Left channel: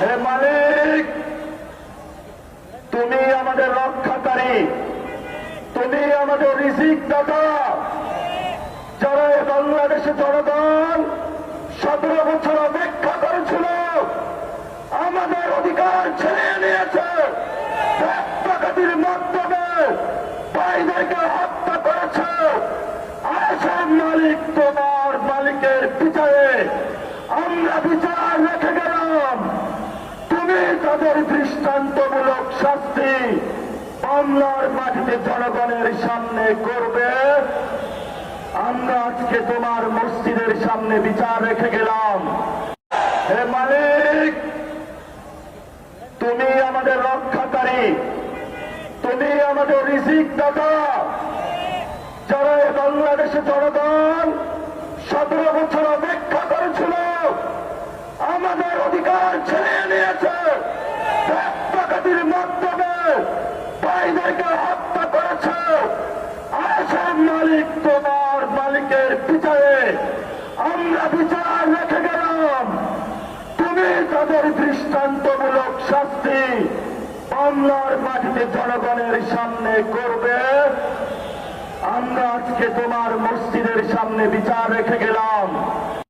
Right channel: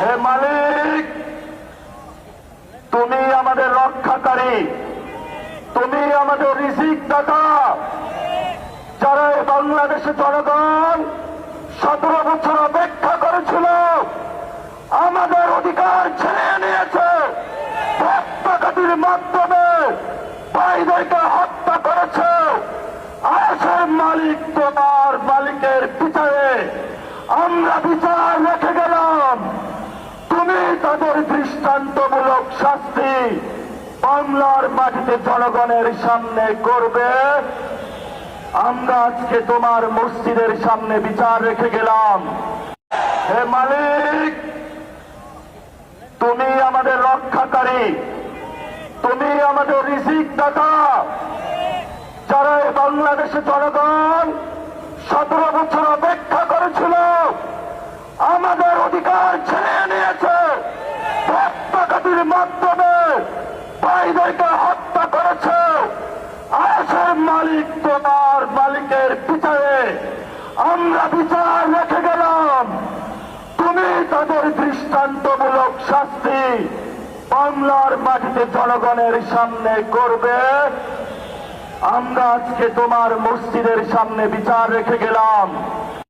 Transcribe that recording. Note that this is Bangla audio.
হে মালিক, তুমি আমাদের রক্ষাকারী, তুমি আমাদের রিজিক দাতা। যারা এই বাংলাদেশের জনগণ 17 বছর অপেক্ষা করেছিল, আমাদের অধিকার ছিনিয়ে নিয়েছে, রক্তপাতের মাধ্যমে ভাইদেরকে হত্যা করেছে। আসেন মালিক, তোমার মালিকের বিচারে আমরা বিচার রেখে গেলাম। তুমি তাদের দৃষ্টান্তমূলক শাস্তি বাংলার মাটিতে জনগণের সামনে করবে। আমরা আজকে তোমার মসজিদের সামনে বিচার রেখে গেলাম। হে মালিক, তুমি আমাদের রক্ষাকারী, তুমি আমাদের রিজিক দাতা। যারা এই বাংলাদেশের জনগণ 17 বছর অপেক্ষা করেছিল, আমাদের অধিকার ছিনিয়ে নিয়েছে, রক্তপাতের মাধ্যমে ভাইদেরকে হত্যা করেছে। আসেন মালিক, তোমার মালিকের বিচারে আমরা বিচার রেখে গেলাম। তুমি তাদের দৃষ্টান্তমূলক শাস্তি বাংলার মাটিতে জনগণের সামনে করবে। আমরা আজকে তোমার মসজিদের সামনে বিচার রেখে গেলাম।